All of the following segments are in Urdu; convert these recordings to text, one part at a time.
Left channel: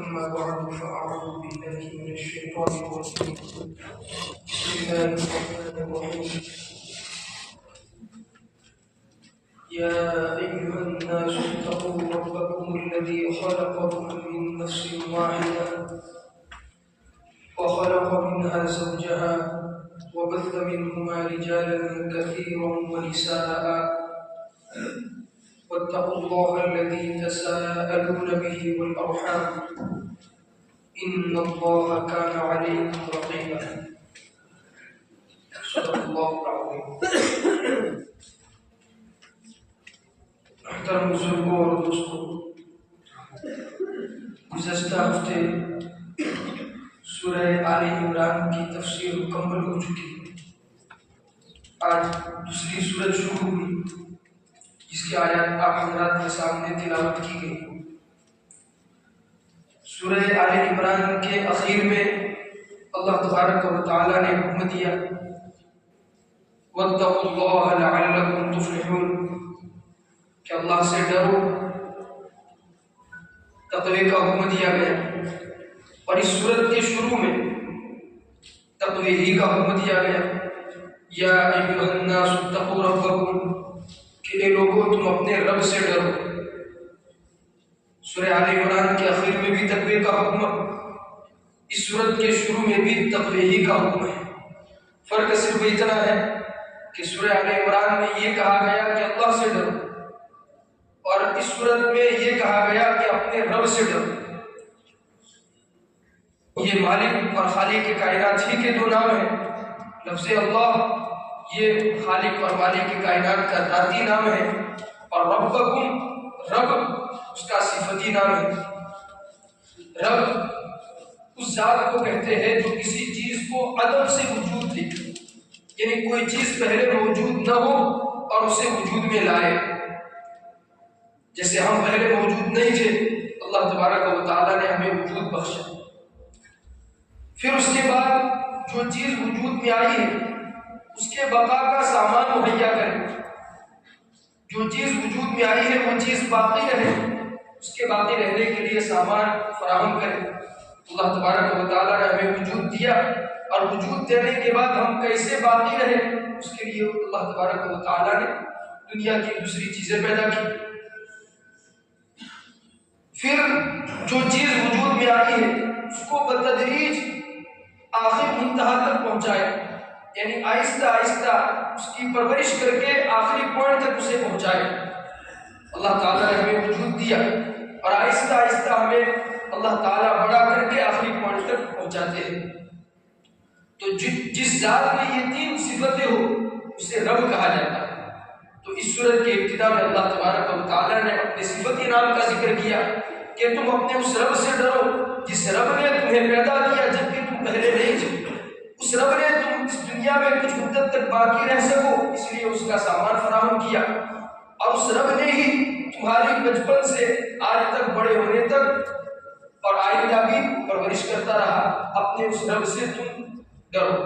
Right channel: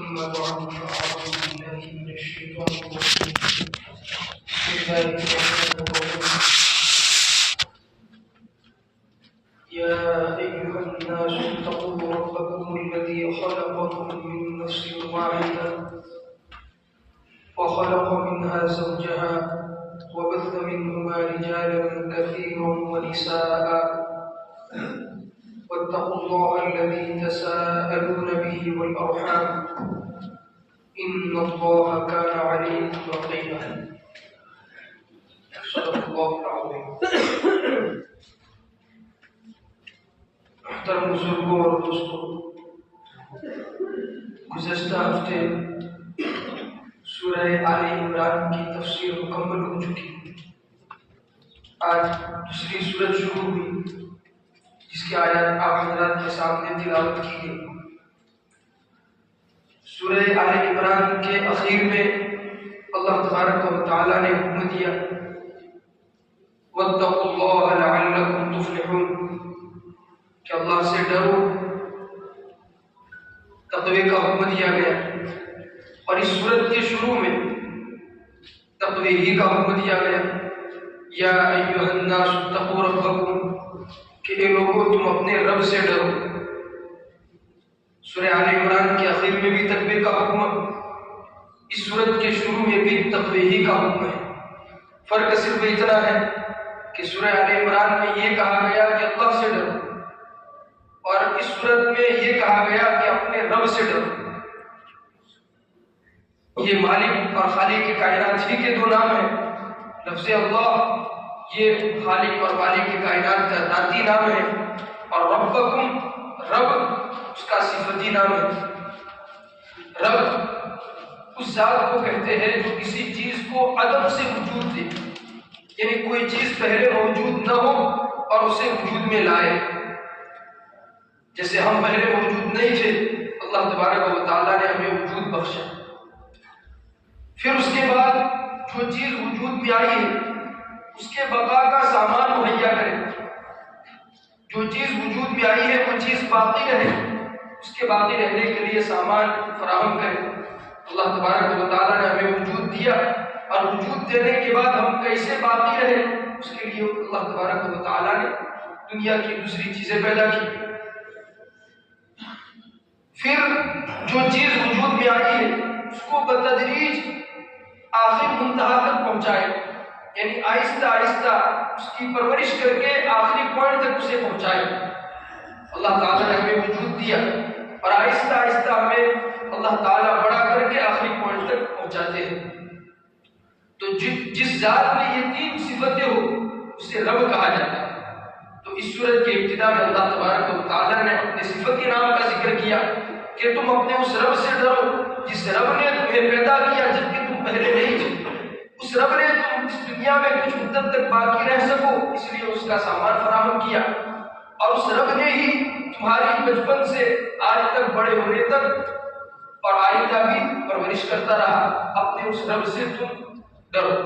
ثم بعد فأعوذ بالله من الشيطان الرجيم بسم الله الرحمن الرحيم يا أيها الناس اتقوا ربكم الذي خلقكم من نفس واحدة وخلق منها زوجها وبث منهما رجالا كثيرا ونساء واتقوا الله الذي تساءلون به والأرحام إن الله كان عليكم رقيبا صدق الله العظيم. محترم بزرگوں اور دوستوں، گزشتہ ہفتے سورہ آل عمران کی تفسیر مکمل ہو چکی. آج دوسری سورت شروع ہوئی جس کی آیات آپ حضرات کے سامنے تلاوت کی گئی. سورہ آل عمران کے اخیر میں اللہ تبارک و تعالی نے حکم دیا وَاتَّقُوا اللَّهَ لَعَلَّكُمْ تُفْلِحُونَ کہ اللہ سے ڈرو. تقوی کا حکم دیا گیا اور اس سورت کے شروع میں تقوی ہی کا حکم دیا گیا. یا ایھا الناس اتقوا ربکم کہ اے لوگوں تم اپنے رب سے ڈرو. سورہ آل عمران کے آخر میں بھی تقوی کا حکم، اس سورت کے شروع میں بھی تقوی ہی کا حکم ہے. فرق صرف اتنا ہے کہ سورہ آل عمران میں یہ کہا گیا کہ اللہ سے ڈرو اور اس سورت میں یہ کہا گیا کہ اپنے رب سے ڈرو. یہ مالک اور خالق کائنات ہی کے دو نام ہیں. لفظ اللہ یہ خالق اور مالک کائنات کا ذاتی نام ہے اور ربکم رب اس کا صفتی نام ہے. رب اس ذات کو کہتے ہیں جو کسی چیز کو عدم سے وجود دے، یعنی کوئی چیز پہلے موجود نہ ہو اور اسے وجود میں لائے. جیسے ہم پہلے موجود نہیں تھے، اللہ تبارک و تعالیٰ نے ہمیں وجود بخشا. پھر اس کے بعد جو چیز وجود میں آئی ہے اس کے بقا کا سامان مہیا کرے. جو چیز وجود میں آئی ہے وہ چیز باقی رہے، اس کے باقی رہنے کے لیے سامان فراہم کرے. اللہ تبارک و تعالیٰ نے ہمیں وجود دیا اور وجود دینے کے بعد ہم کیسے باقی رہے اس کے لیے اللہ تبارک و تعالیٰ نے دنیا کی دوسری چیزیں پیدا کی. پھر جو چیز وجود میں آئی ہے اس کو بتدریج آخر منتہا تک پہنچائے، یعنی آہستہ آہستہ اس کی پرورش کر کے آخری پوائنٹ تک اسے پہنچائے. اللہ تعالیٰ نے ہمیں وجود دیا اور آہستہ آہستہ ہمیں اللہ تعالیٰ بڑا کر کے آخری پوائنٹ تک پہنچاتے ہیں. تو جس ذات میں یہ تین صفتیں ہو اسے رب کہا جاتا ہے. تو اس صورت کی ابتدا میں اللہ تبارک و تعالیٰ نے اپنے صفتی نام کا ذکر کیا کہ تم اپنے اس رب سے ڈرو جس رب نے تمہیں پیدا کیا جبکہ تم پہلے نہیں تھے. اس رب نے تم اس دنیا میں کچھ مدت تک باقی رہ سکو اس لیے اس کا سامان فراہم کیا، اور اس رب نے ہی تمہاری بچپن سے آج تک بڑے ہونے تک اور آئندہ بھی پرورش کرتا رہا. اپنے اس رب سے تم ڈرو.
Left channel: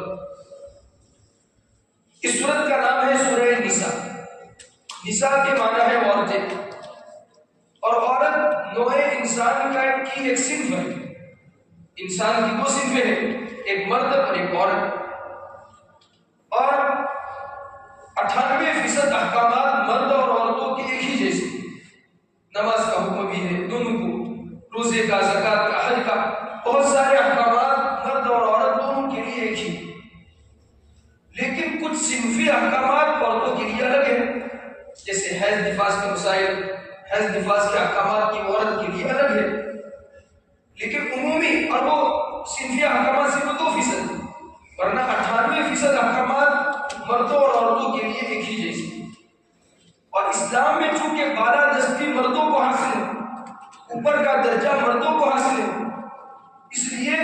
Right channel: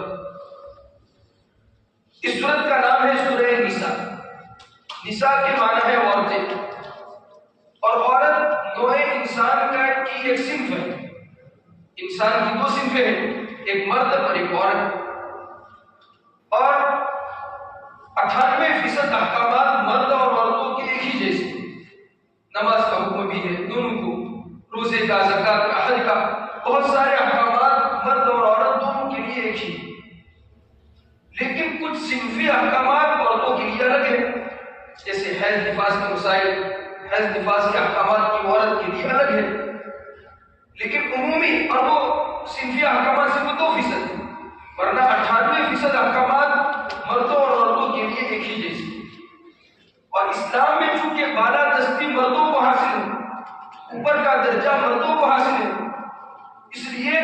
اس سورت کا نام ہے سورہ نساء. نساء کے معنی ہے عورتیں، اور عورت نوع انسان کی ایک صنف ہے. انسان کی دو صنفیں ہیں، ایک مرد اور ایک عورت. اور 98% احکامات مرد اور عورتوں کے ایک ہی جیسے. نماز کا حکم بھی ہے دونوں کو، روزے کا، زکوٰۃ کا، حج کا، بہت سارے احکامات مرد اور عورت دونوں کے لیے ایک ہی. لیکن کچھ صنفی احکامات عورتوں کے لیے الگ ہیں، جیسے حیض نفاس کے مسائل، حیض نفاس کے احکامات کی عورت کے لیے الگ ہے. لیکن عمومی اور وہ صنفی احکامات سے وہ 2% ہیں، ورنہ 98% احکامات مردوں اور عورتوں کے لیے ایک ہی جیسے. اور اسلام میں چونکہ بالا دستی مردوں کو حاصل ہے، اوپر کا درجہ مردوں کو حاصل ہے، اس لیے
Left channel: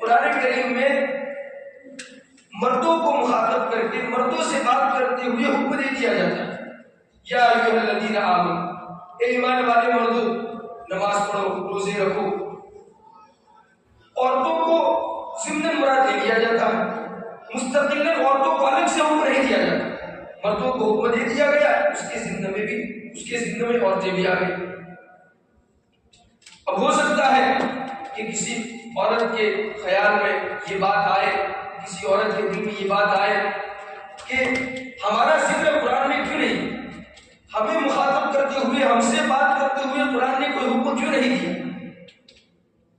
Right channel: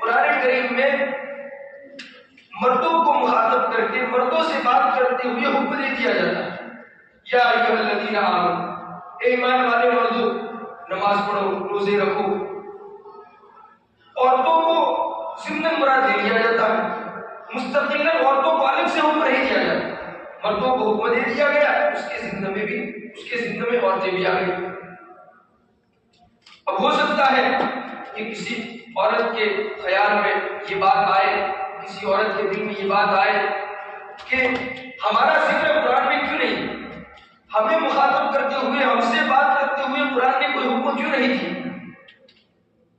قرآن کریم میں مردوں کو مخاطب کر کے مردوں سے بات کرتے ہوئے حکم دے دیا جاتا ہے یا ایھا الذین آمنوا، اے ایمان والے مردوں نماز پڑھو، روزے رکھو. عورتوں کو ضمن مراد دے دیا جاتا ہے، مستقلاً عورتوں کو الگ سے حکم نہیں دیا جاتا. مردوں کو حکم دے دیا گیا، اس کے ضمن میں عورتیں بھی آ گئی. اب ہو سکتا ہے کہ کسی عورت کے خیال میں یہ بات آئے، کسی عورت کے دل میں یہ بات آئے کہ ہمارا ذکر قرآن میں کیوں نہیں، ہمیں مخاطب کرتے ہوئے، ہم سے بات کرتے ہوئے قرآن نے کوئی حکم کیوں نہیں دی،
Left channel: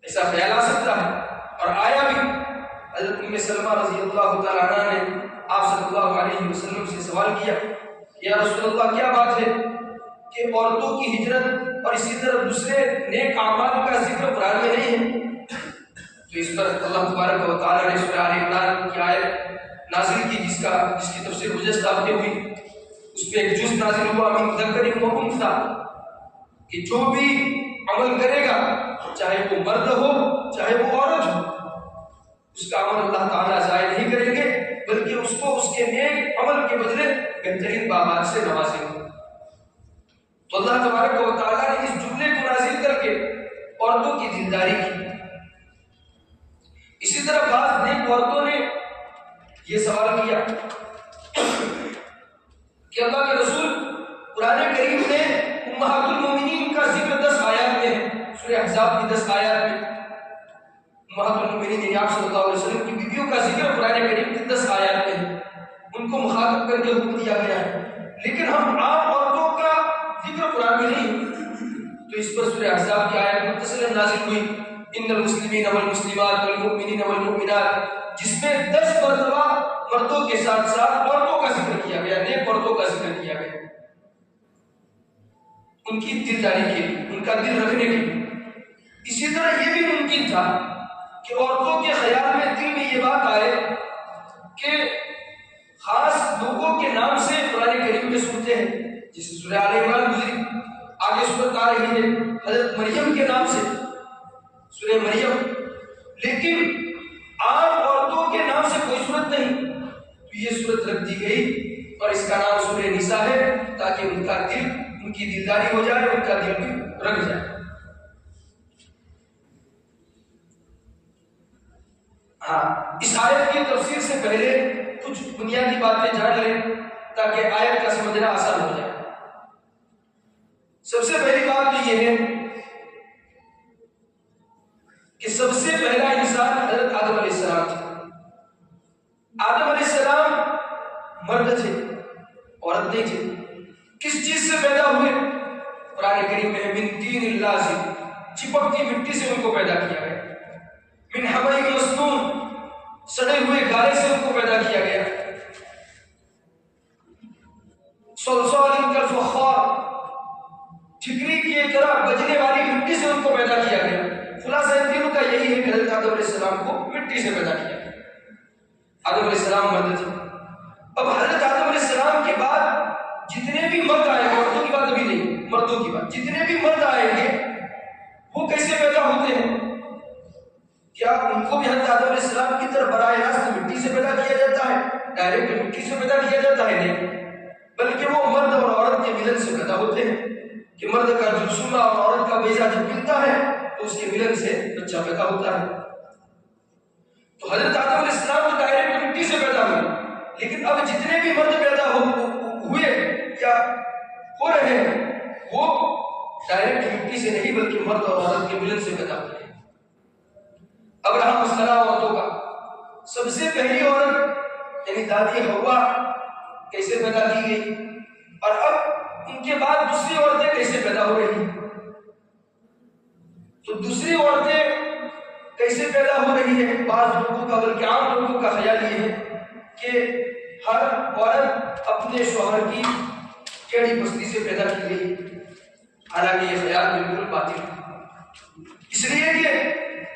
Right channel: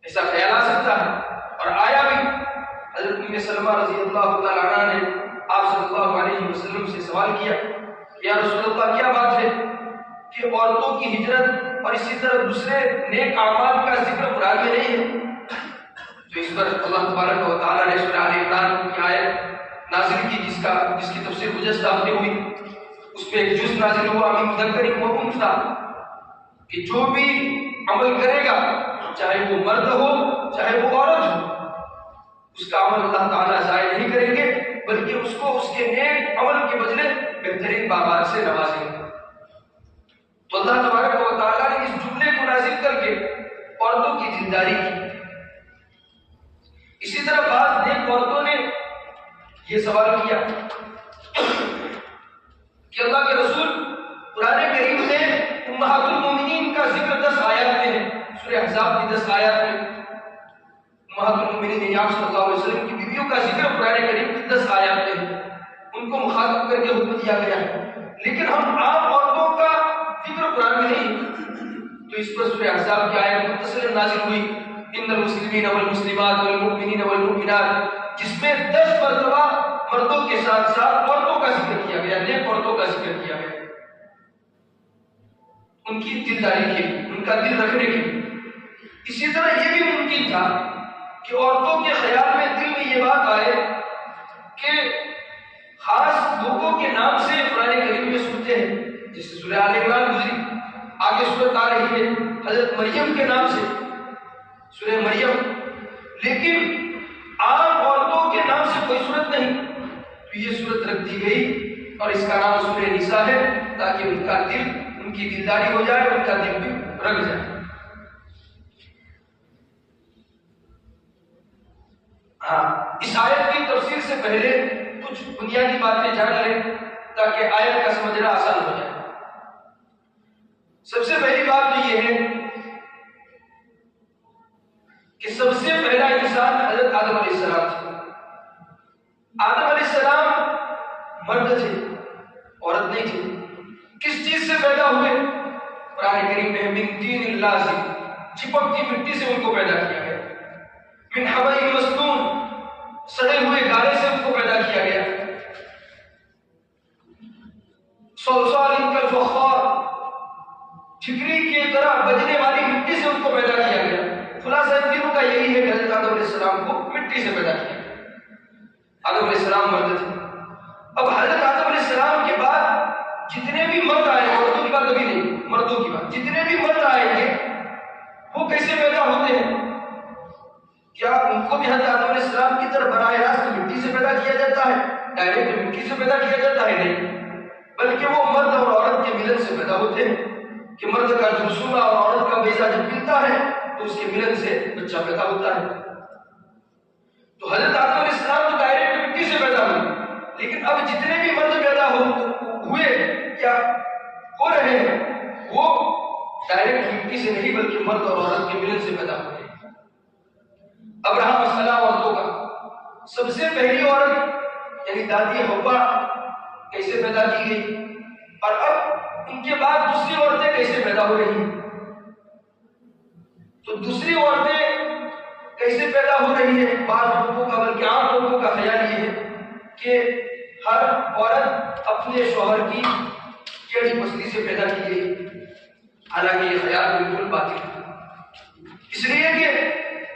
ایسا خیال آ سکتا ہے۔ اور آیا بھی، حضرت ام سلمہ رضی اللہ تعالیٰ عنہ نے آپ صلی اللہ علیہ وسلم سے سوال کیا، یا رسول اللہ کیا بات ہے کہ عورتوں کی ہجرت اور اسی طرح دوسرے نیک اعمال کا ذکر قرآن میں نہیں ہے؟ تو اس پر اللہ تبارک و تعالیٰ نے سورہ آل عمران کی آیت نازل کی، جس کی تفسیر گزشتہ ہفتے ہوئی، اس میں ایک جز نازل ہوا من ذکر و انثیٰ، کہ جو بھی عمل کرے گا چاہے وہ مرد ہو چاہے وہ عورت ہو، اس کا عمل اللہ تعالیٰ ضائع نہیں کریں گے، بلکہ اس کو اس کے نیک عمل کے بدلے بہترین باغات سے نوازیں گے۔ تو اللہ تبارک و تعالیٰ نے اس جملے کو نازل کر کے عورتوں کی دلداری کی۔ اسی طرح بعض نیک عورتوں نے یہ سوال کیا کہ اللہ کے رسول قرآن کریم میں امہات المومنین کا ذکر 10 آیات میں ہے، سورہ احزاب کی 10 آیات میں امہات المومنین یعنی آپ صلی اللہ علیہ وسلم کی بیویوں کا ذکر قرآن کریم کی 10 آیات میں ہے، ان کو مخاطب کر کے حکم دیا گیا ہے، لیکن ہم عام عورتوں کا ذکر قرآن میں نہیں۔ تو اس پر سورہ احزاب کی آیت متصل نازل ہوئی، ان المسلمین والمسلمات والمؤمنین والمؤمنات، جس میں 10 مرتبہ مردوں کے ساتھ ساتھ عورتوں کا ذکر کیا گیا، نیک عورتوں کا ذکر کیا گیا، ان کی دلداری کے لیے، ان کا دل رکھنے کے لیے۔ اسی طرح یہ بھی ممکن تھا کہ عورتوں کے خیال میں دل میں یہ بات آئے کہ خاص لوگوں کے نام سے قرآن کریم میں سنتے ہیں، جیسے سورہ آل عمران گزری، آگے سورت آ رہی ہے حضرت مریم کے نام سے، سورہ مریم، لیکن عام عورتوں کے نام سے کوئی صورت نہیں، تو یہ صورت رکھ دی گئی اور اس کا نام سورہ نساء ہے، تاکہ ان کا دل، ان کی دلداری ہو جائے، ان کا دل بھی رکھ جائے۔ ہاں، اس آیت کی تفسیر سے پہلے کچھ بنیادی باتیں جان لیں تاکہ آیت کا سمجھنا آسان ہو جائے۔ سب سے پہلی بات تو یہ ہے کہ سب سے پہلا انسان حضرت آدم علیہ السلام تھے۔ آدم علیہ السلام مرد تھے، عورت نہیں تھے۔ کس چیز سے پیدا ہوئے؟ قرآن کریم میں من طین لازب، چپکتی مٹی سے ان کو پیدا کیا گیا، من حمأ مسنون، سڑے ہوئے گارے سے ان کو پیدا کیا گیا، صلصال کالفخار، ٹھکری کی طرح بجنے والی مٹی سے ان کو پیدا کیا گیا۔ خلاصہ تینوں کا یہی ہے کہ حضرت آدم علیہ السلام کو مٹی سے پیدا کیا گیا۔ آدم علیہ السلام مرد تھے۔ اب حضرت آدم علیہ السلام کے بعد جتنے بھی مرد آئے گے، عورتوں کی بات ابھی نہیں، مردوں کی بات، جتنے بھی مرد آئیں گے وہ کیسے پیدا ہوتے ہیں؟ کیا ان کو بھی حضرت آدم علیہ السلام کی طرح براہ راست مٹی سے پیدا کیا جاتا ہے، ڈائریکٹ مٹی سے پیدا کیا جاتا ہے؟ نہیں، بلکہ وہ مرد اور عورت کے ملن سے پیدا ہوتے ہیں، کہ مرد کا جرثومہ اور عورت کا بیضہ جب ملتا ہے تو اس کے ملن سے بچہ پیدا ہوتا ہے۔ تو حضرت آدم علیہ السلام تو ڈائریکٹ مٹی سے پیدا ہوئے، لیکن اب جتنے بھی مرد پیدا ہوئے یا ہو رہے ہیں وہ ڈائریکٹ مٹی سے نہیں بلکہ مرد اور عورت کے ملن سے پیدا ہوئے۔ اب رہا مسئلہ عورتوں کا، سب سے پہلی عورت یعنی دادی حوا کیسے پیدا کی گئی، اور اب ان کے بعد دوسری عورتیں کیسے پیدا ہو رہی ہیں؟ تو دوسری عورتیں کیسے پیدا ہو رہی ہیں؟ بعض لوگوں کا، بلکہ عام لوگوں کا خیال یہ ہے کہ ہر عورت اپنے شوہر کی ٹیڑھی پسلی سے پیدا کی گئی، حالانکہ یہ خیال بالکل باطل ہے۔ اس لیے کہ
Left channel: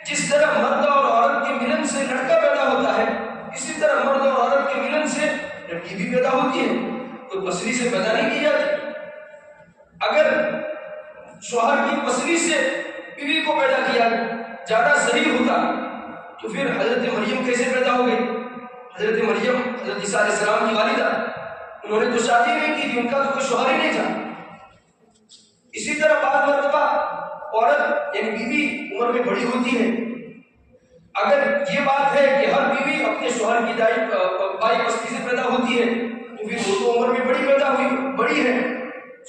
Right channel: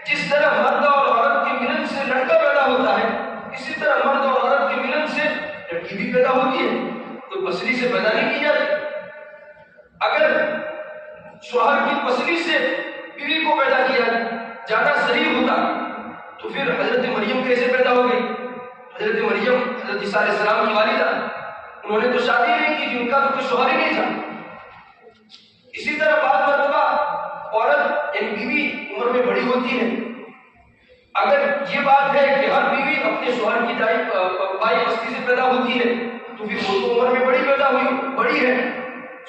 جس طرح مرد اور عورت کے ملن سے لڑکا پیدا ہوتا ہے، اسی طرح مرد اور عورت کے ملن سے لڑکی بھی پیدا ہوتی ہے، کوئی پسلی سے پیدا نہیں کی جاتی۔ اگر شوہر کی پسلی سے بیوی کو پیدا کیا جانا صحیح ہوتا تو پھر حضرت مریم کیسے پیدا ہو گئی؟ حضرت مریم حضرت عیسیٰ علیہ السلام کی والدہ، انہوں نے تو شادی نہیں کی تھی، ان کا تو کوئی شوہر ہی نہیں تھا۔ اسی طرح بعض مرتبہ عورت یعنی بیوی عمر میں بڑی ہوتی ہے، اگر یہ بات ہے کہ ہر بیوی اپنے شوہر کی بائی پسلی سے پیدا ہوتی ہے تو پھر وہ تو عمر میں بڑی پیدا ہوئی، بڑی ہے،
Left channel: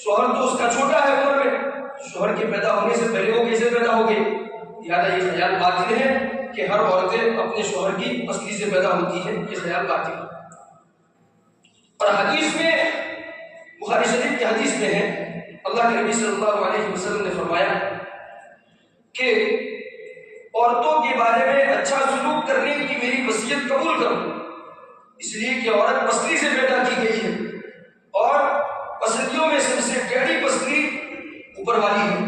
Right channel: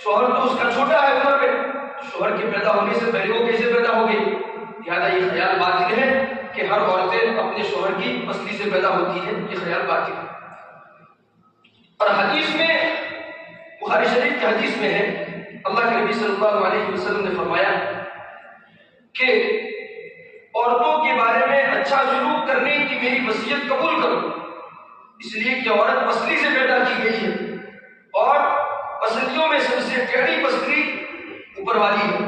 شوہر تو اس کا چھوٹا ہے عمر میں، شوہر کے پیدا ہونے سے پہلے وہ کیسے پیدا ہو گئی؟ لہٰذا یہ خیال باطل ہے کہ ہر عورتیں اپنے شوہر کی پسلی سے پیدا ہوتی ہے، یہ خیال باطل ہے۔ اور حدیث میں، بخاری شریف کی حدیث میں ہے، اللہ کے نبی صلی اللہ علیہ وسلم نے فرمایا کہ عورتوں کے بارے میں اچھا سلوک کرنے کی میری وصیت قبول کرو، اس لیے کہ عورت پسلی سے پیدا کی گئی ہے اور پسلیوں میں سب سے ٹیڑھی پسلی اوپر والی ہے۔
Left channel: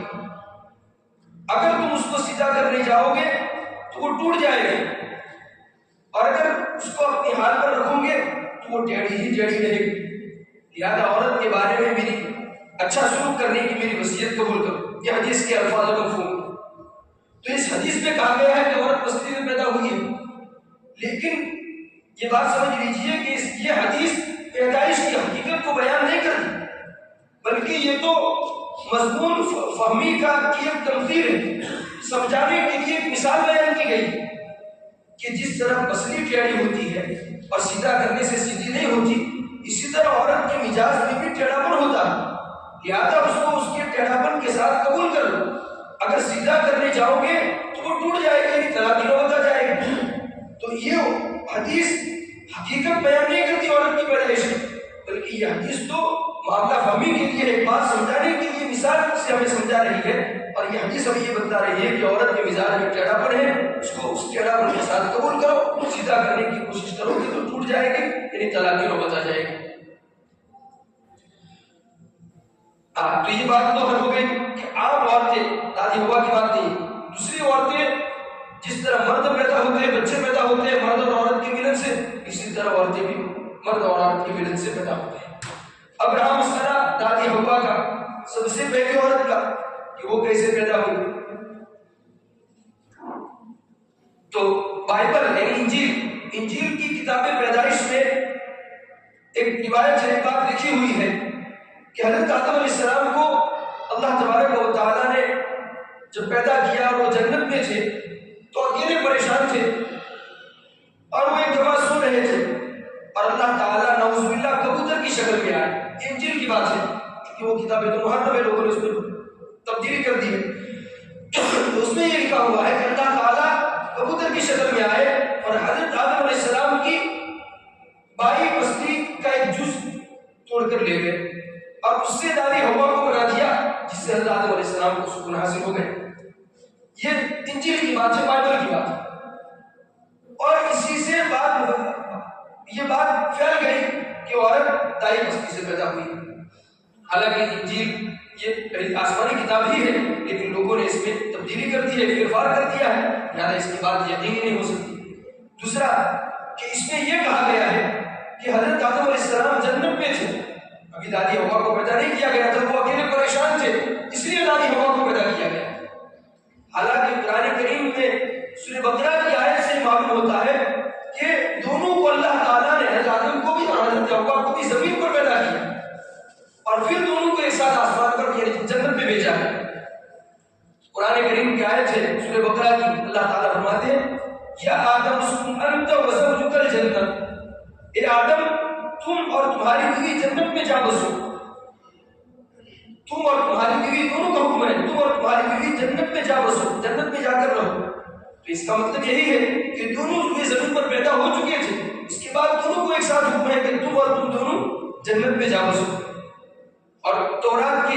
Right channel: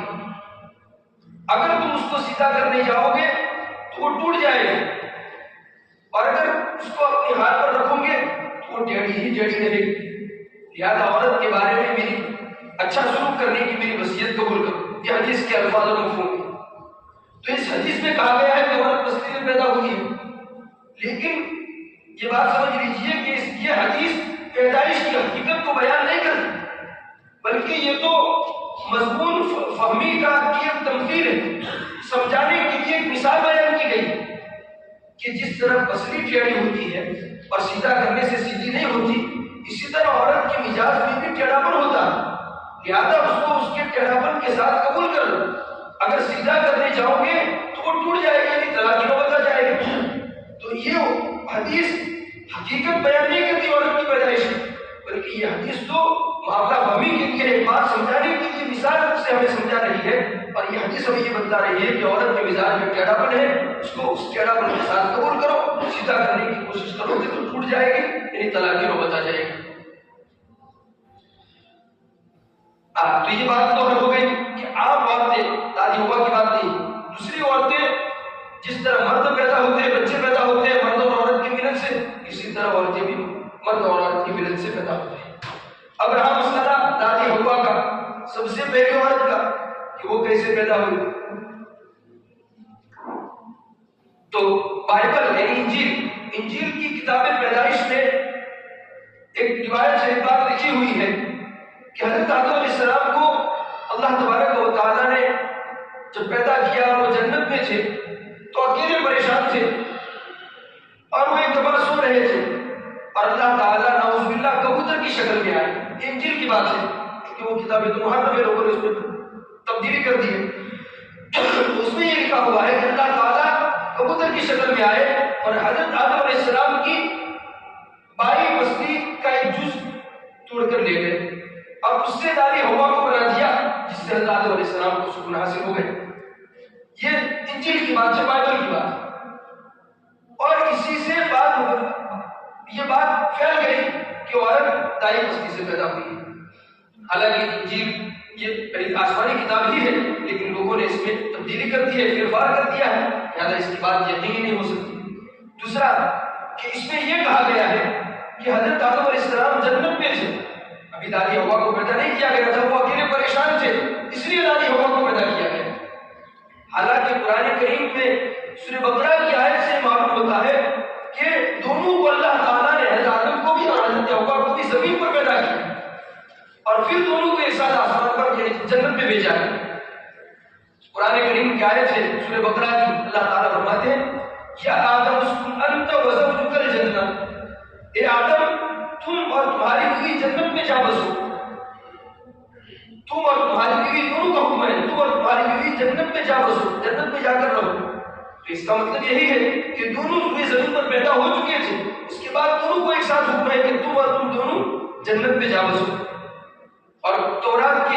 اگر تم اس کو سیدھا کرنے جاؤ گے تو وہ ٹوٹ جائے گا، اور اگر اس کو اپنے ہاتھ پر رکھو گے تو وہ ٹیڑھی ہی ٹیڑھی رہے گی۔ لہٰذا عورت کے بارے میں میری اچھا سلوک کرنے کی میری وصیت قبول کرو، یہ حدیث کے الفاظ و مفہوم ہے۔ تو اس حدیث میں کہا گیا ہے کہ عورت پسلی میں پیدا ہوئی ہے، لیکن یہ بات سمجھ لیجیے کہ یہ حدیث پیدائش کی حقیقت کو بیان نہیں کرتی، بلکہ یہ تو مضمون فہمی کا ایک تمثیل ہے، سمجھانے کے لیے ایک مثال بیان کی گئی کہ جس طرح پسلی ٹیڑھی ہوتی ہے اور سیدھا کرنے سے سیدھی نہیں ہوتی، اسی طرح عورت کے مزاج میں بھی ٹیڑھاپن ہوتا ہے، لہذا اس کو اس کے ٹیڑھاپن کے ساتھ قبول کر لو۔ اگر سیدھا کرنے جاؤ گے تو وہ ٹوٹ جائے گا، یعنی طلاق کی نوبت آ جائے گی۔ تو یہ حدیث حقیقت بیان نہیں کرتی عورت کی پیدائش کی، بلکہ یہ حدیث تو معاملہ فہمی کے لیے ایک بات سمجھانے کے لیے مثال سے ہمیں سمجھا رہی ہے، اور یہ حدیث ہمیں یہ بتا رہی ہے کہ عورت کے مزاج میں ٹیڑھاپن ہے، اس کو اس ٹیڑھاپن کے ساتھ قبول کرو، سیدھا کرنے کی کوشش کرو گے تو ٹوٹ جائے گی، یعنی طلاق کی نوبت آ جائے گی۔ تو یہ بات تو ہو گئی کہ عام عورتیں، دادی ہوا کی بات نہیں، دوسری عورتیں جس طرح مرد پیدا ہوتے ہیں، بچے پیدا ہوتے ہیں مرد اور عورت کے ملن سے، اسی طرح عورتیں بھی مرد اور عورت کے ملن سے پیدا ہوتے ہیں۔ اب رہا مسئلہ دادی ہوا کا، سب سے پہلی عورت کا کہ وہ کیسے پیدا ہوئی، تو بائبل یعنی انجیل کی کتاب پیدائش میں ایک روایت ہے، بات لکھی ہوئی ہے کہ حضرت آدم علیہ السلام کو اللہ تبارک و تعالیٰ نے جب پیدا کیا اور وہ جنت میں تھے تو اکیلے پریشان تھے، اور وہ ایک دفعہ سو رہے تھے اور اللہ تعالیٰ نعوذ باللہ کبوتر کی شکل میں آئے۔ انجیل کی بات ہے کہ وہ کتاب تو محرف ہے، لوگوں نے اس میں تبدیلی کر دی ہے، اس میں یہ لکھا ہوا ہے کہ اللہ تعالیٰ کبوتر کی شکل میں آئے اور حضرت آدم علیہ السلام کی بائی پسلی کا ایک جز توڑ کر لے گئے اور اس سے دادی ہوا کو بنا دیا، جس سے حضرت آدم علیہ السلام کو سکون حاصل ہو گئے۔ یہ انجیل کی بات ہے، بائبل کی بات ہے، اور اسی سے یہ بات پھیل گئی کہ عورت دائی پسلی سے پیدا ہوئی۔ حالانکہ انجیل یہ آسمانی کتاب ہی ہے، لیکن لوگوں نے اس میں تبدیلی کر دی ہے، پھیرفار کر دیا ہے، لہٰذا اس کی بات یقینی نہیں ہو سکتی۔ دوسرا کہ اس میں یہ کہا گیا ہے کہ حضرت آدم علیہ السلام جنت میں تھے، ابھی دادی ہوا کو پیدا نہیں کیا گیا تھا، وہ اکیلے پریشان تھے، اس لیے دادی ہوا کو پیدا کیا گیا۔ حالانکہ قرآن کریم میں سورہ بقرہ کی آیت سے معلوم ہوتا ہے کہ دونوں کو اللہ تعالیٰ نے، حضرت آدم کو بھی اور حضرت ہوا کو بھی زمین پر پیدا کیا، اور پھر دونوں کو ایک ساتھ آسمان پر یعنی جنت میں بھیجا گیا۔ قرآن کریم کی آیت ہے سورہ بقرہ کی، اللہ تعالیٰ فرماتے ہیں یا آدم اسکن انت وزوجک الجنہ، اے آدم تم اور تمہاری بیوی جنت میں جا بسو، تم اور تمہاری بیوی دونوں کا حکم ہے، تم اور تمہاری بیوی جنت میں جا بسو، جنت میں جا کر رہو۔ تو اس کا مطلب یہی ہے کہ دونوں زمین پر پیدا ہو چکے تھے، اس کے بعد دونوں کو ایک ساتھ حکم ہے کہ تم اور تم دونوں جنت میں جا بسو۔ اور تورات کی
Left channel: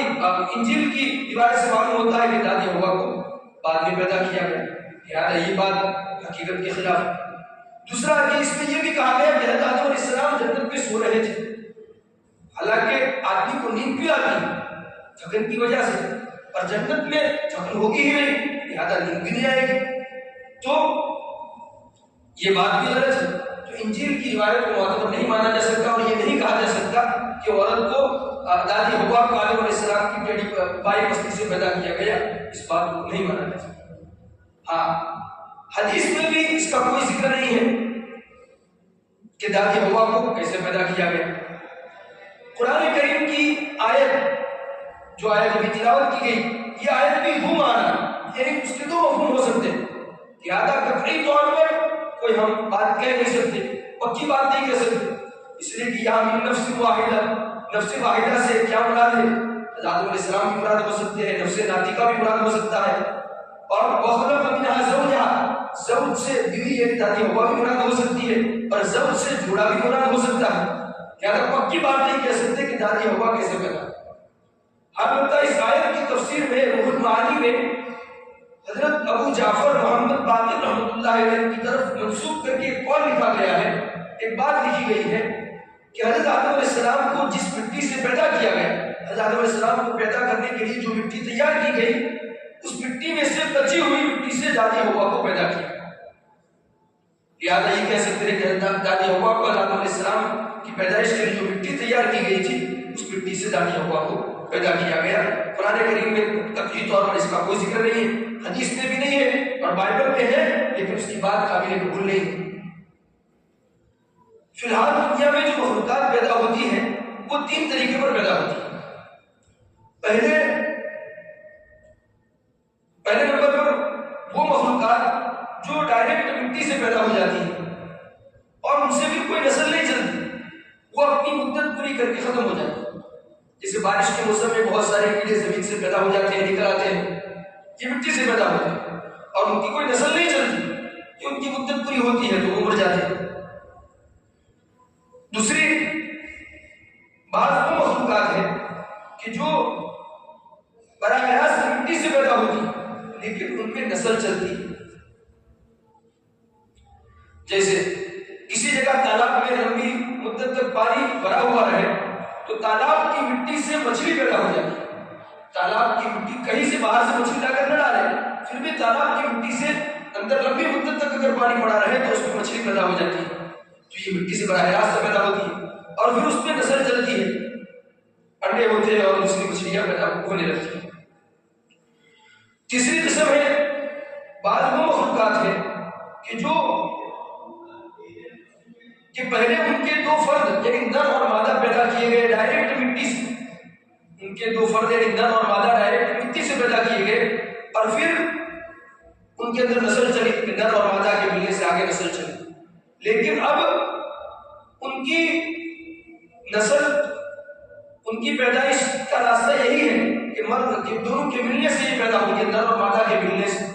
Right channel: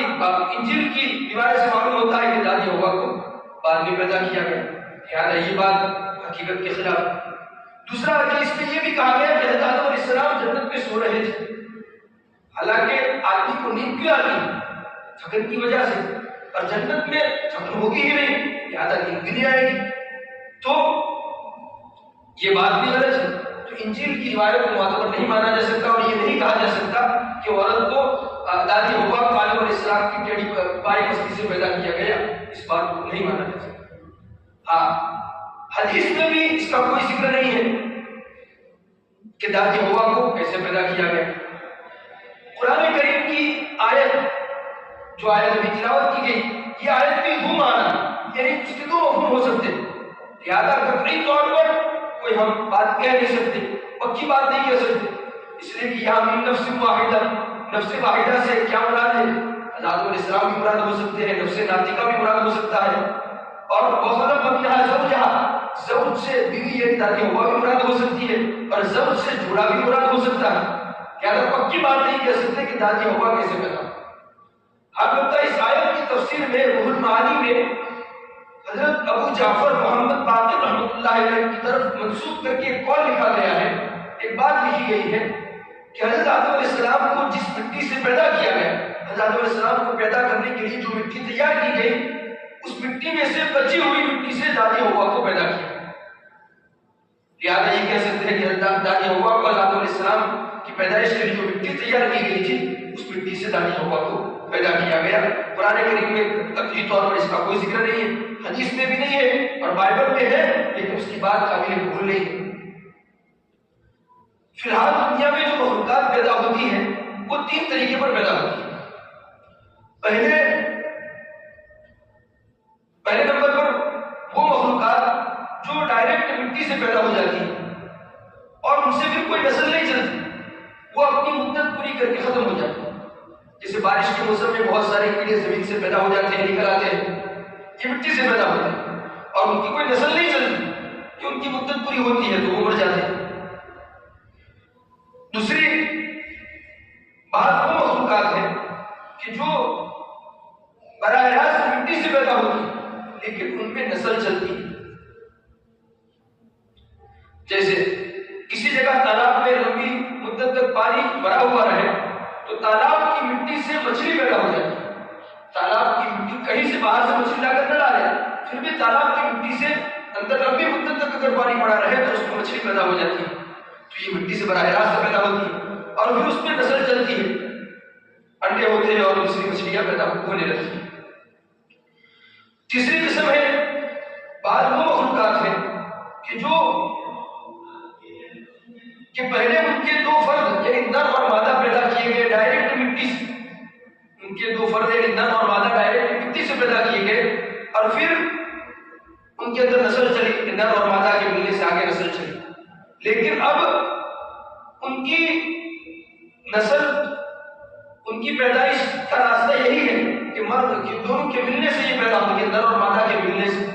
انجیل کی روایت سے معلوم ہوتا ہے کہ دادی ہوا کو بعد میں پیدا کیا گیا، لہٰذا یہ بات حقیقت کے خلاف ہے۔ دوسرا کہ اس میں یہ بھی کہا گیا کہ حضرت آدم علیہ السلام جنت میں سو رہے تھے، حالانکہ آدمی کو نیند کیوں آتی ہے؟ تھکن کی وجہ سے، اور جنت میں تھکن ہوگی ہی نہیں، لہٰذا نیند بھی نہیں آئے گی، تو یہ بات بھی غلط ہے۔ تو انجیل کی روایت کو معتبر نہیں مانا جا سکتا، اور یہ نہیں کہا جا سکتا کہ عورت کو دادی ہوا کو آدم علیہ السلام کی ٹیڑھی بائی پسلی سے پیدا کیا گیا، اس بات کو نہیں مانا جا سکتا۔ ہاں حدیث میں بھی اس کا کوئی ذکر نہیں ہے کہ دادی ہوا کو کیسے پیدا کیا گیا۔ قرآن کریم کی آیت جو آیت ابھی تلاوت کی گئی، یہ آیت بھی دو معنی یعنی اس کے دو مفہوم ہو سکتے ہیں، لہٰذا قطعی طور پر کوئی ہم بات کہہ نہیں سکتے، پکی بات نہیں کہہ سکتے، اس لیے کہ یہاں من نفس واحدہ، نفس واحدہ سے کیا مراد ہے؟ آدم علیہ السلام بھی مراد ہو سکتے ہیں، نفس ناطقہ بھی مراد ہو سکتا ہے، اور وخلق زوج سے بیوی یعنی دادی ہوا بھی مراد ہو سکتی ہے اور زوج سے جوڑا بھی مراد ہو سکتا ہے. کیا پکی بات نہیں کہہ سکتے کہ دادی ہوا کیسے پیدا. البتہ اس آیت کی تفسیر میں روح المعانی میں حضرت ابو جعفر محمد باقر رحمۃ اللہ علیہ کی طرف منسوب کر کے ایک قول لکھا گیا ہے، ایک بات لکھی گئی ہے کہ حضرت آدم علیہ السلام کو جس مٹی سے پیدا کیا گیا، حضرت آدم علیہ السلام کو پیدا کرنے کے لیے جو مٹی تیار کی گئی، اس مٹی میں سے بچی ہوئی مٹی سے دادی ہوا کو پیدا کیا. لہٰذا یہ کہہ سکتے ہیں کہ دادی ہوا کو آدم علیہ السلام کی پیدائش کے لیے جو مٹی تیار کی گئی تھی، اس مٹی سے دادی ہوا کو پیدا کیا گیا. قرآن کریم میں تقریری طور پر اس کا کوئی ذکر نہیں ہے، حدیث میں بھی نہیں ہے اور بائبل میں ہے، لیکن اس کی بات قابل قبول نہیں ہے. فی الحال دنیا میں جو مخلوقات پیدا ہوتی ہیں وہ 3 طریقے پر پیدا ہوتی ہیں. پہلے نمبر پر وہ مخلوقات جو ڈائریکٹ مٹی سے پیدا ہو جاتی ہیں اور ان سے بھی کوئی نسل نہیں چلتی، وہ اپنی مدت پوری کر کے ختم ہو جاتی ہے. جیسے بارش کے موسم میں بہت سارے کیڑے زمین سے پیدا ہو جاتے ہیں، نکل آتے ہیں، یہ مٹی سے پیدا ہوتے ہیں اور ان کی کوئی نسل نہیں چلتی کہ ان کی مدت پوری ہوتی ہے تو وہ مر جاتے ہیں. دوسری بعض وہ مخلوقات ہیں کہ جو براہ راست مٹی سے پیدا ہوتی ہے لیکن ان میں نسل چلتی ہے. جیسے کسی جگہ تالاب میں لمبی مدت تک پانی بھرا ہوا رہے تو تالاب کی مٹی سے مچھلی پیدا ہو جاتی ہے. تالاب کی مٹی کہیں سے باہر سے مچھلی لا کر نہ ڈالے، پھر بھی تالاب کی مٹی سے اندر لمبی مدت تک اگر پانی پڑا رہے تو اس میں مچھلی پیدا ہو جاتی ہے. تو یہ مٹی سے براہ راست پیدا ہوتی ہے اور پھر اس میں نسل چلتی ہے، انڈے ہوتے ہیں اور دوسری مچھلیاں پیدا ہونے لگتی ہیں. تیسری قسم ہے بعض وہ مخلوقات ہیں کہ پہلے ان کے 2 فرد یعنی نر اور مادہ پیدا کیے گئے ڈائریکٹ مٹی سے. ان کے 2 فرد یعنی نر اور مادہ ڈائریکٹ مٹی سے پیدا کیے گئے اور پھر ان کے اندر نسل چلی، نر اور مادہ کے ملنے سے آگے نسل چلی. لیکن اب ان کی نسل، ان کی پیدائش کا راستہ یہی ہے کہ مرد کے دونوں کے ملنے سے یہ پیدا ہوگی، نر اور مادہ کے ملنے سے.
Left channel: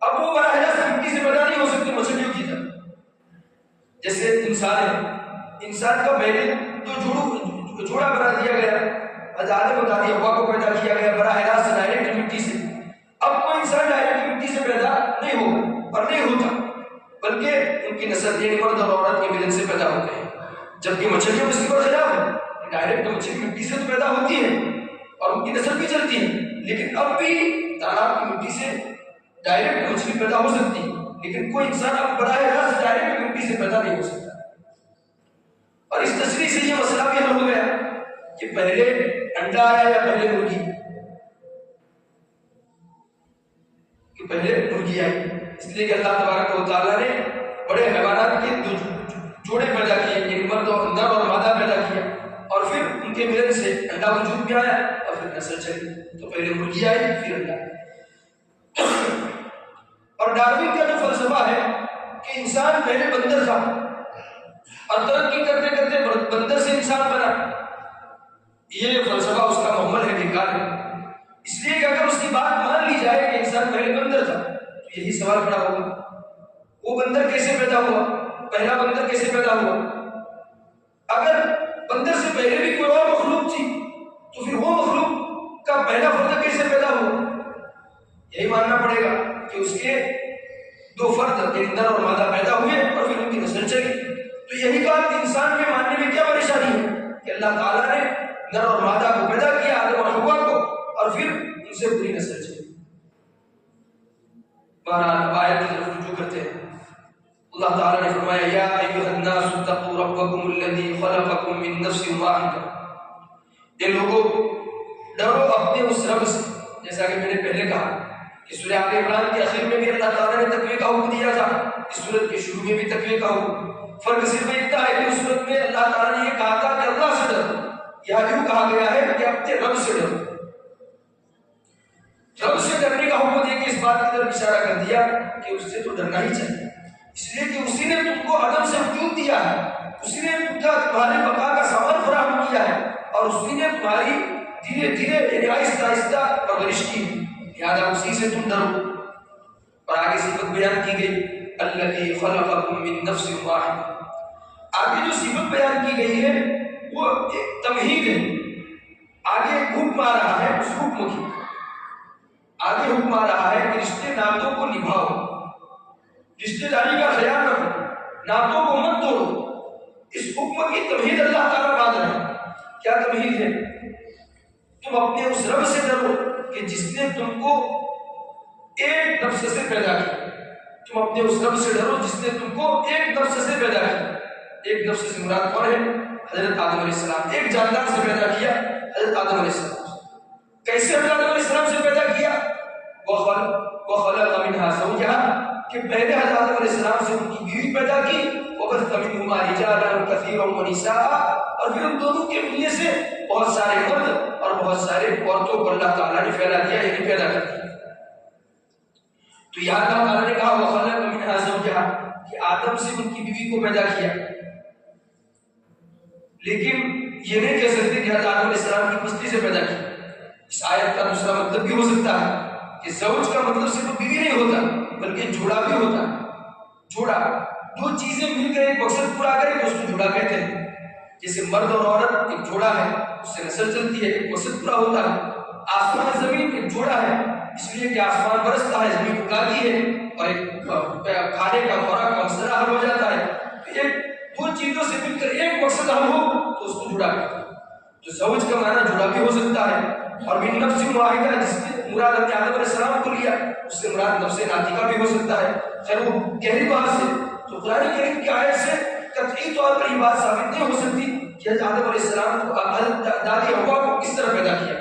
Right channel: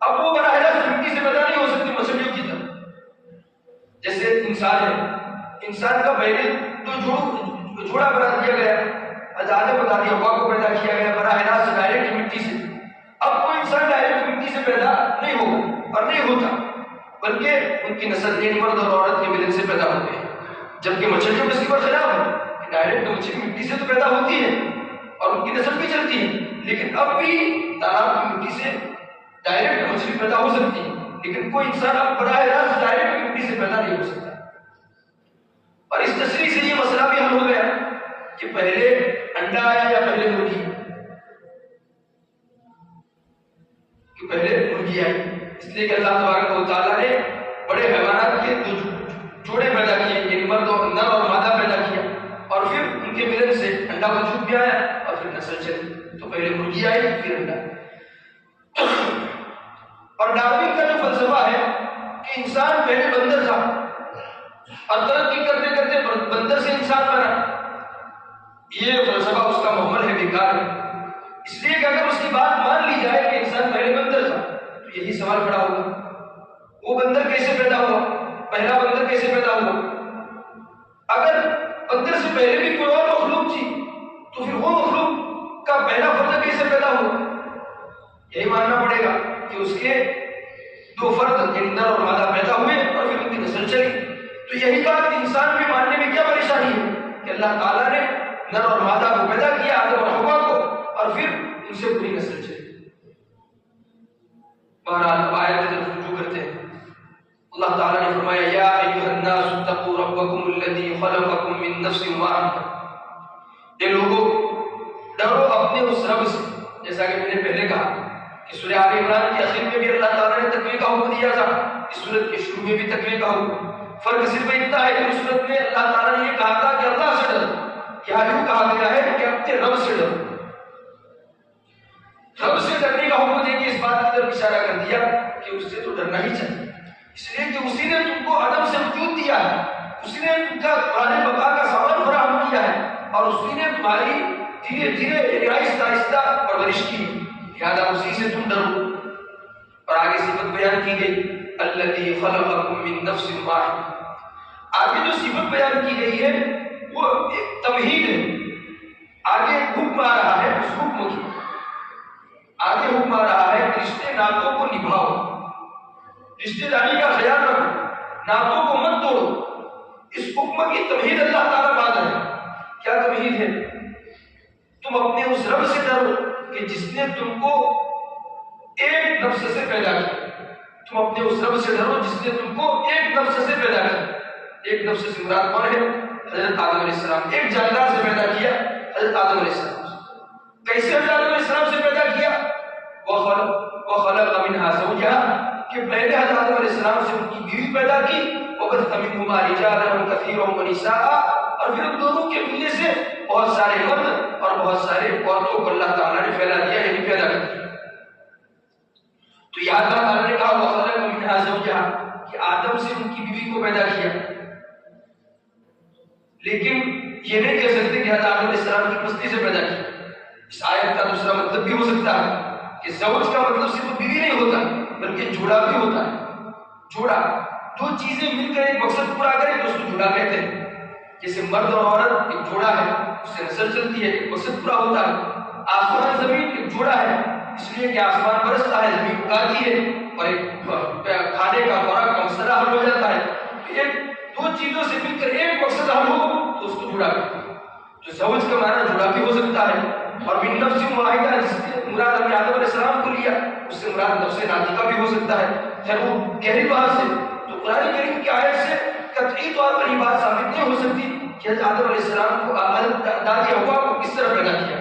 اب وہ براہ راست مٹی سے پیدا نہیں ہو سکتی مچھلیوں کی طرح. جیسے انسان ہے، انسان کا پہلے تو جوڑا بنا دیا گیا، آدم و دادی ہوا کو پیدا کیا گیا براہ راست ڈائریکٹ مٹی سے. اب کوئی انسان ڈائریکٹ مٹی سے پیدا نہیں ہوگا اور نہیں ہوتا، بلکہ ان کی نسل یعنی مرد اور عورت کے ملن سے پیدا ہوتے ہیں. جبکہ مچھلیوں میں اس کی برخلاف ہے کہ ڈائریکٹ مچھلی مٹی سے تو پیدا ہوتی ہے اور ان کی نسل بھی چلتی ہے، لیکن اب بھی تالاب کی مٹی سے ڈائریکٹ مچھلی پیدا ہو سکتی ہے، لیکن کوئی انسان اب براہ راست ڈائریکٹ مٹی سے پیدا نہیں ہو سکتا. اور اس تشریح سے یہ مسئلہ بھی حل ہو گیا کہ پہلے انڈا آیا یا پہلے مرغی، کہ پہلے مرغی آئی. اس لیے کہ اللہ تبارک و تعالیٰ نے بڑے حیوانات کے 2 جوڑے پیدا کیے، ایک مرد اور نر اور مادہ پیدا کیا اور پھر ان کے ملن سے انڈا وجود بھی آیا اور پھر نسل چلی. تو پہلے مرغی آئی پھر انڈا. اور ڈاروین کا جو فلسفہ ہے کہ انسان پہلے بندر تھا اور ترقی کرتے کرتے بندر سے انسان بنا، یہ فلسفہ اس کا محمل ہے، بیکار ہے. اس لیے کہ اگر اس کی بات مان لی جائے کہ انسان پہلے بندر تھا تو یہی سوال کھڑا ہوگا، وہ بندر کیسے پیدا ہوا، پہلا بندر کیسے پیدا ہوا؟ اگر بندر سے پہلے بھی کوئی اور مخلوق تھی تو پھر وہ مخلوق کا پہلا فرد کیسے پیدا ہوا؟ یہی ماننا پڑے گا کہ اس کے 2 فرد یعنی نر اور مادہ پیدا ہوئے اور پھر ان کی نسل چلی. تو یہی بات انسان کے ماننے میں کیا پریشانی ہے کہ اللہ تعالیٰ نے نر اور مادہ کو پیدا کیا، آدم اور حوا کو، اور پھر ان سے پوری نسل چلی. بہرحال آیت کی طرف رجوع کرتے ہیں. اللہ تعالیٰ نے فرمایا یا ایھا الناس اتقوا ربکم الذی خلقکم من نفس واحدہ، اے لوگوں ڈرو اپنے اس رب سے. جیسا کہ میں نے پہلے کہا کہ سورہ آل عمران کے آخر میں بھی اللہ تعالیٰ نے تقوی کا حکم دیا تھا، اس سورت کے شروع میں بھی تقوی کا حکم. فرق صرف اتنا ہے کہ اس سورت میں اللہ تعالیٰ نے یہ کہا تھا کہ اللہ سے ڈرو، یہاں یوں کہا گیا ہے کہ اپنے رب سے ڈرو. رب سے ڈرنے کا حکم دے کے اس بات کی طرف اشارہ کر دیا کہ اس سے تو ڈرنا ہی چاہیے، اس لیے کہ اسی نے تم کو عدم سے وجود دیا ہے، اسی نے تمہارے بقا کا سامان فراہم کیا ہے اور اسی نے تمہاری دھیرے دھیرے آہستہ آہستہ پرورش کی، لہٰذا اسی سے تم ڈرو. اور آگے صفت بیان کی گئی الذی خلقکم من نفس واحد. آگے جو صفت بیان کی گئی ہے وہ ایک تمہید ہے. آگے ایک حکم آ رہا ہے، اس حکم کی آگے حکم آ رہا ہے کہ رشتے ناتوں کو نبھاؤ، رشتے داری کا خیال رکھو، ناتوں کو مت توڑو. اس حکم کی تمہید اللہ تعالیٰ بعد ہے. کیا تمہید ہے؟ تم اپنے اس رب سے ڈرو کہ جس نے تم کو ایک نفس سے پیدا کیا. تم اپنے اس رب سے ڈرو جس نے تم کو ایک نفس سے پیدا کیا. ایک نفس سے مراد کون ہے؟ حضرت آدم علیہ السلام. ایک جاندار سے پیدا کیا حضرت آدم علیہ السلام. کیسے حضرت آدم علیہ السلام سے پیدا کیا؟ وَخَلَقَ مِنْهَا زَوْجَهَا کہ پہلے حضرت آدم علیہ السلام سے ان کی بیوی پیدا کی. وَبَثَّ مِنْهُمَا رِجَالًا كَثِيرًا وَنِسَاءً اور پھر ان دونوں کے ملنے سے بہت سارے مرد اور بہت سارے عورتوں کو اللہ تعالیٰ نے پھیلا دیا، یعنی پیدا کر دیا. تو یہاں اللہ تعالیٰ نے کہا وَخَلَقَ مِنْهَا زَوْجَهَا کہ آدم سے ان کی بیوی کو پیدا کیا. لیکن یہ نہیں کہہ سکتے کہ حضرت آدم علیہ السلام کی پستی سے پیدا کیا. اس آیت کا دوسرا مطلب بھی ہو سکتا ہے کہ زوج کا مطلب صرف بیوی نہیں ہوتا بلکہ جوڑا بھی ہوتا ہے. جوڑا دو چیزیں مل کر ایک مقصد پورا کریں تو اس کو جوڑا کہتے ہیں. جیسے مرد اور عورت ایک جوڑا ہے، اس سے نسل چلتی ہے، ایک مقصد پورا ہوتا ہے. آسمان زمین ایک جوڑا ہے، اس لیے کہ آسمان برستا ہے، زمین اگاتی ہے اور ایک کھانے کا خوراک کا مسئلہ حل ہو جاتا ہے. ایک دو چیزوں سے مل کر ایک مقصد حل ہو تو اس کو جوڑا کرتے ہیں. تو زوج کا معنی جوڑا بھی ہو سکتا ہے. اور من نفس واحدہ جس سے مراد ہم نے آدم علیہ السلام کو لیا، اس سے مراد نفس ناطقہ بھی ہو سکتا ہے. خیر وہ گہری بات سے تو قرآن کریم کی آیت سے قطعی طور پر یہ بات ثابت نہیں ہو سکتی کہ حضرت آدم علیہ السلام کو دادی حوا کو کس طرح پیدا کیا.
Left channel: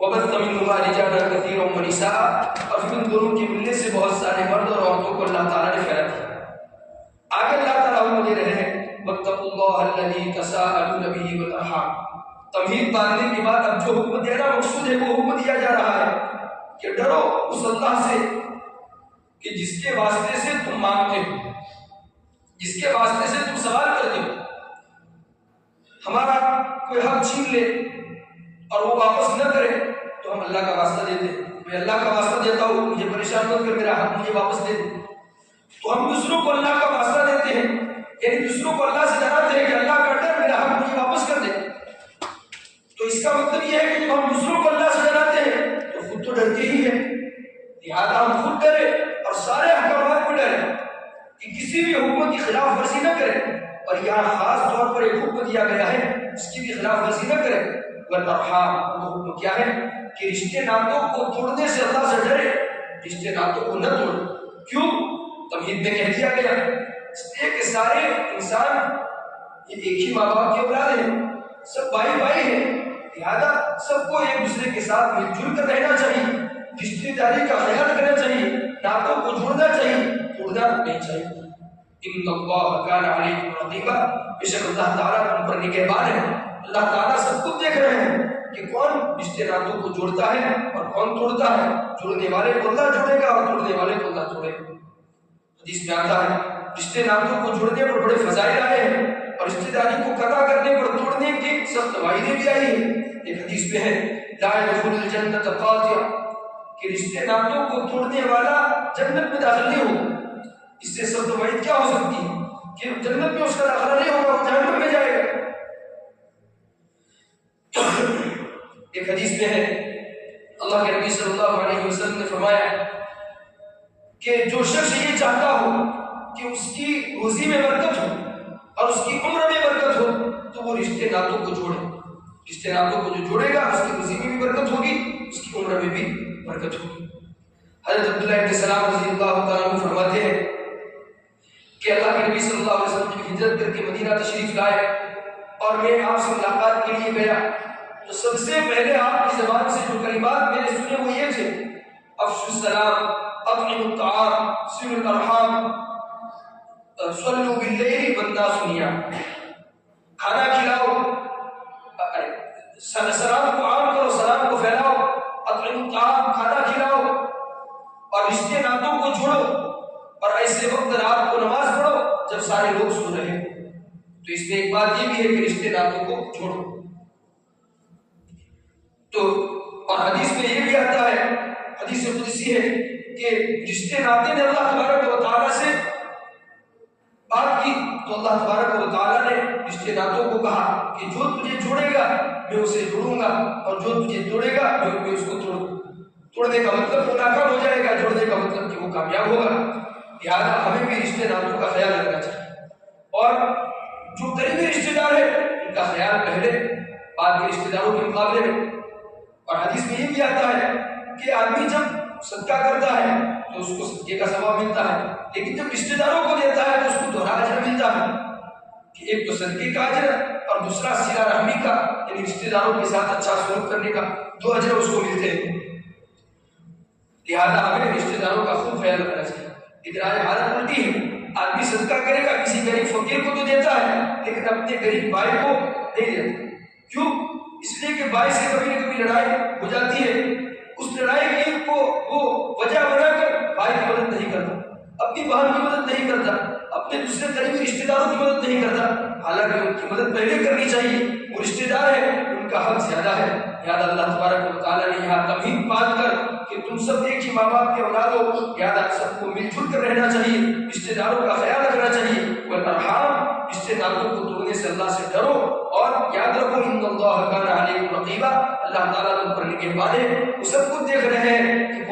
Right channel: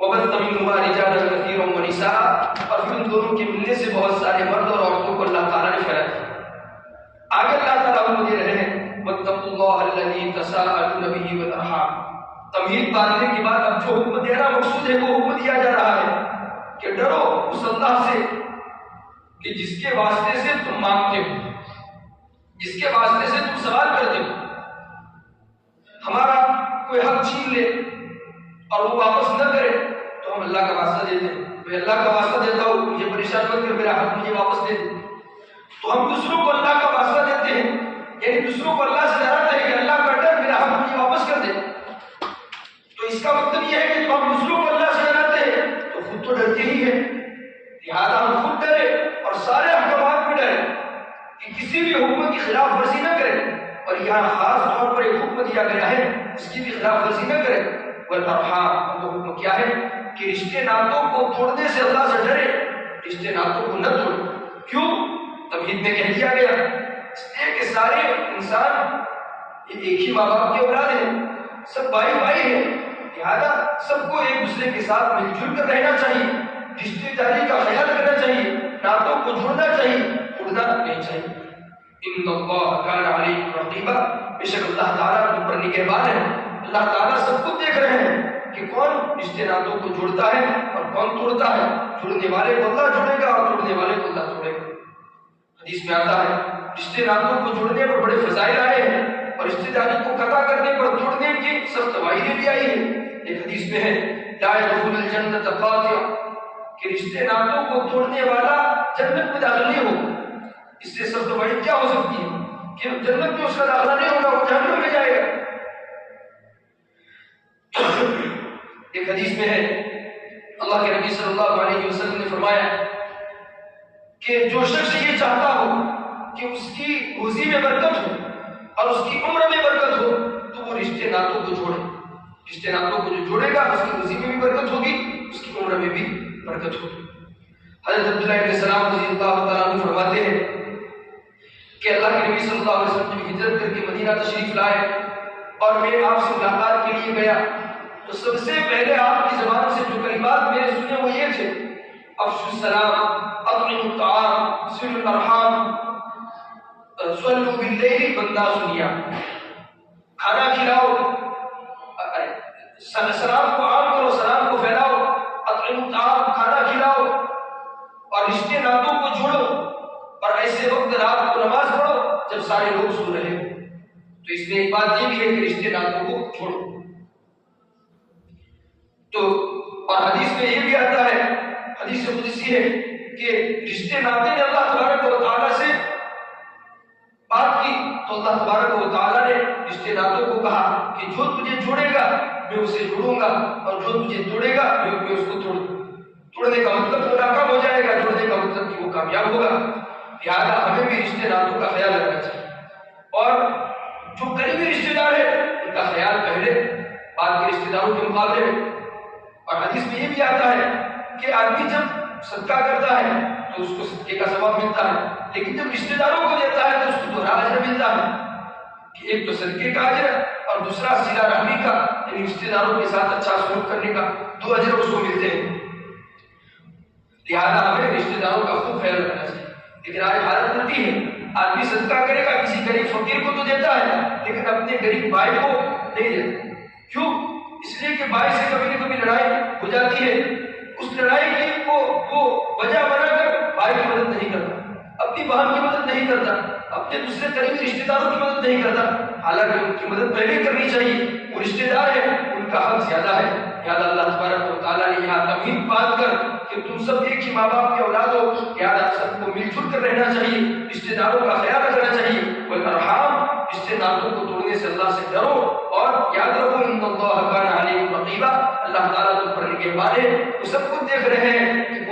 وَبَثَّ مِنْهُمَا رِجَالًا كَثِيرًا وَنِسَاءً اور پھر ان دونوں کے ملنے سے بہت سارے مرد اور عورتوں کو اللہ تعالیٰ نے پھیلا دیا. آگے اللہ تعالیٰ حکم دے رہے ہیں وَاتَّقُوا اللَّهَ الَّذِي تَسَاءَلُونَ بِهِ وَالْأَرْحَامَ. تمہید باندھنے کے بعد اب جو حکم دینا مقصود ہے وہ حکم دیا جا رہا ہے کہ ڈرو اس اللہ سے کہ جس کے واسطے سے تم مانگتے ہو، جس کے واسطے سے تم سوال کرتے ہو. ہمارا کوئی حق چھین لے اور وہ واپس نہ کرے تو ہم اللہ کا واسطہ دیتے ہیں. میں اللہ کا واسطہ دیتا ہوں مجھے پریشان مت کر، میرا حق مجھے واپس دے دے. تو ہم دوسروں کو اللہ کا واسطہ دیتے ہیں، یعنی دوسروں کو اللہ سے ڈراتے ہیں کہ اللہ کا ڈر میرا حق مجھے واپس کر دے. تو اس کا مطلب یہ ہے کہ جب ہم دوسروں کو اللہ سے ڈراتے ہیں تو خود تو ڈرتے ہی ہیں، لہٰذا ہم خود ڈرے اور سارے احکامات میں ڈرے کہ کسی بھی حکم کی خلاف ورزی نہ کرے. اور یہاں خاص طور پر ایک حکم دیا گیا ہے اس کی بھی خلاف ورزی نہ کرے. والارحام وہ حکم کیا ہے کہ رشتے ناتوں کو توڑنے سے اللہ سے ڈرے، رشتے ناتوں کو نہ توڑے. کیوں؟ تمہید میں کہہ دیا گیا اس لیے کہ سارے انسان ایک ہی ماں باپ کے اولاد ہیں، سب بھائی بھائی ہیں، لہٰذا سب کو ایک دوسرے کے ساتھ مل جل کر رہنا چاہیے، رشتے داری کا خیال کرنا چاہیے، ناتوں کو جوڑنا چاہیے، توڑنا نہیں چاہیے. ان اللہ کان علیکم رقیبا بے شک اللہ تعالیٰ تم پر نگہبان ہے. اللہ تعالیٰ سب کو دیکھ رہے ہیں کہ کون رشتے ناتوں کو جوڑتا ہے اور کون توڑتا ہے. جوڑنے والے کو اللہ جوڑے گا اور توڑنے والے کو اللہ توڑے گا. حدیث میں آتا ہے رشتے ناتوں کو جوڑنے پر بڑے فضائل آئے ہیں اور رشتے داری کو قطع کرنے پر توڑنے کی سخت وعیدیں بھی آئی ہیں. ایک حدیث میں ہے لا يدخل الجنة قاطع کہ رشتے ناتوں کو توڑنے والا جنت میں داخل نہیں ہو. اس سے سخت وعید کیا ہو سکتی ہے کہ جنت میں اس کا داخلہ نہیں ہوگا، وہ جہنم میں جائے گا. ایک حدیث میں ہے اللہ کے نبی صلی اللہ علیہ وسلم نے فرمایا کہ جو شخص یہ چاہتا ہو کہ اس کی روزی میں برکت ہو اور اس کی عمر میں برکت ہو تو وہ رشتے ناتوں کو جوڑے. رشتے ناتوں کو جو جوڑے گا اس کی روزی میں بھی برکت ہوگی، اس کی عمر میں بھی برکت ہوگی. حضرت عبداللہ بن سلام رضی اللہ تعالیٰ عنہ فرماتے ہیں کہ اللہ کے نبی صلی اللہ علیہ وسلم جب ہجرت کر کے مدینہ تشریف لائے اور میں آپ سے ملاقات کے لیے گیا تو سب سے پہلے آپ کی زبان سے جو کلمات میں نے سنے وہ یہ تھے افشوا السلام، اطعموا الطعام، صلوا الارحام، صلوا باللیل والناس نیام. کھانا کھلاؤ، سلام کو عام کرو، سلام کو پھیلاؤ، اطعموا الطعام کھانا کھلاؤ اور رشتے ناتوں کو جوڑو اور ایسے وقت رات کو نماز پڑھو جب سارے لوگ سو رہے ہو. تو اس میں ایک بات یہ بھی ہے کہ رشتے ناتوں کو جوڑو. تو اور حدیث میں یہ بھی آتا ہے حدیث قدسی ہے کہ رشتے ناطے نے اللہ تبارک و تعالیٰ سے بات کی تو اللہ تبارک و تعالیٰ نے رشتے ناطوں کو کہا کہ جو تجھے جوڑے گا میں اسے جوڑوں گا، اور جو تجھے توڑے گا میں اس کو توڑنے کا مطلب وہ ناکام ہو جائے گا، جوڑنے کا مطلب کہ وہ کامیاب ہوگا۔ لہٰذا ہمیں بھی رشتے ناطوں کا خیال رکھنا چاہیے، اور جو قریبی رشتے دار ہیں ان کا خیال پہلے بعد کے رشتے داروں کے مقابلے میں۔ اور حدیث میں یہ بھی آتا ہے کہ آدمی جب صدقہ کرتا ہے تو اس کو صدقے کا ثواب ملتا ہے، لیکن جب رشتے داروں کو دیتا ہے تو اس کو دوہرا اجر ملتا ہے، کہ ایک تو صدقے کا اجر اور دوسرا صلہ رحمی کا، یعنی رشتے داروں کے ساتھ اچھا سلوک کرنے کا، 2 اجر اس کو ملتے ہیں۔ لہٰذا ہمیں رشتے داروں کا خود خیال رکھنا چاہیے۔ لیکن آج حالت الٹی ہے، آدمی صدقہ کرے گا کسی غریب فقیر کو تو دیتا ہے لیکن اپنے غریب بھائی کو نہیں دیتا۔ کیوں؟ اس لیے کہ بھائی سے کبھی نہ کبھی لڑائی ہو جاتی ہے، اس لڑائی کی کو وہ وجہ بنا کر بھائی کی مدد نہیں کرتا، اپنی بہن کی مدد نہیں کرتا، اپنے دوسرے قریبی رشتے داروں کی مدد نہیں کرتا، حالانکہ ان کی مدد پہلے کرنی چاہیے، وہ رشتے دار ہیں، ان کا حق زیادہ ہے۔ یاد اللہ تبارک و تعالیٰ نے یہاں تمہید باندھ کر کہ تم سب ایک ہی ماں باپ کے اولاد ہو، یاد سب کو مل جل کر رہنا چاہیے، رشتے داروں کا خیال رکھنا چاہیے، والارحام، رشتے داروں کو توڑنے سے اللہ سے ڈرو، اور یاد رکھو ان اللہ کان علیکم رقیبا، اللہ تعالیٰ تم پر نگہبان ہے، وہ سب کچھ دیکھ رہے ہیں کہ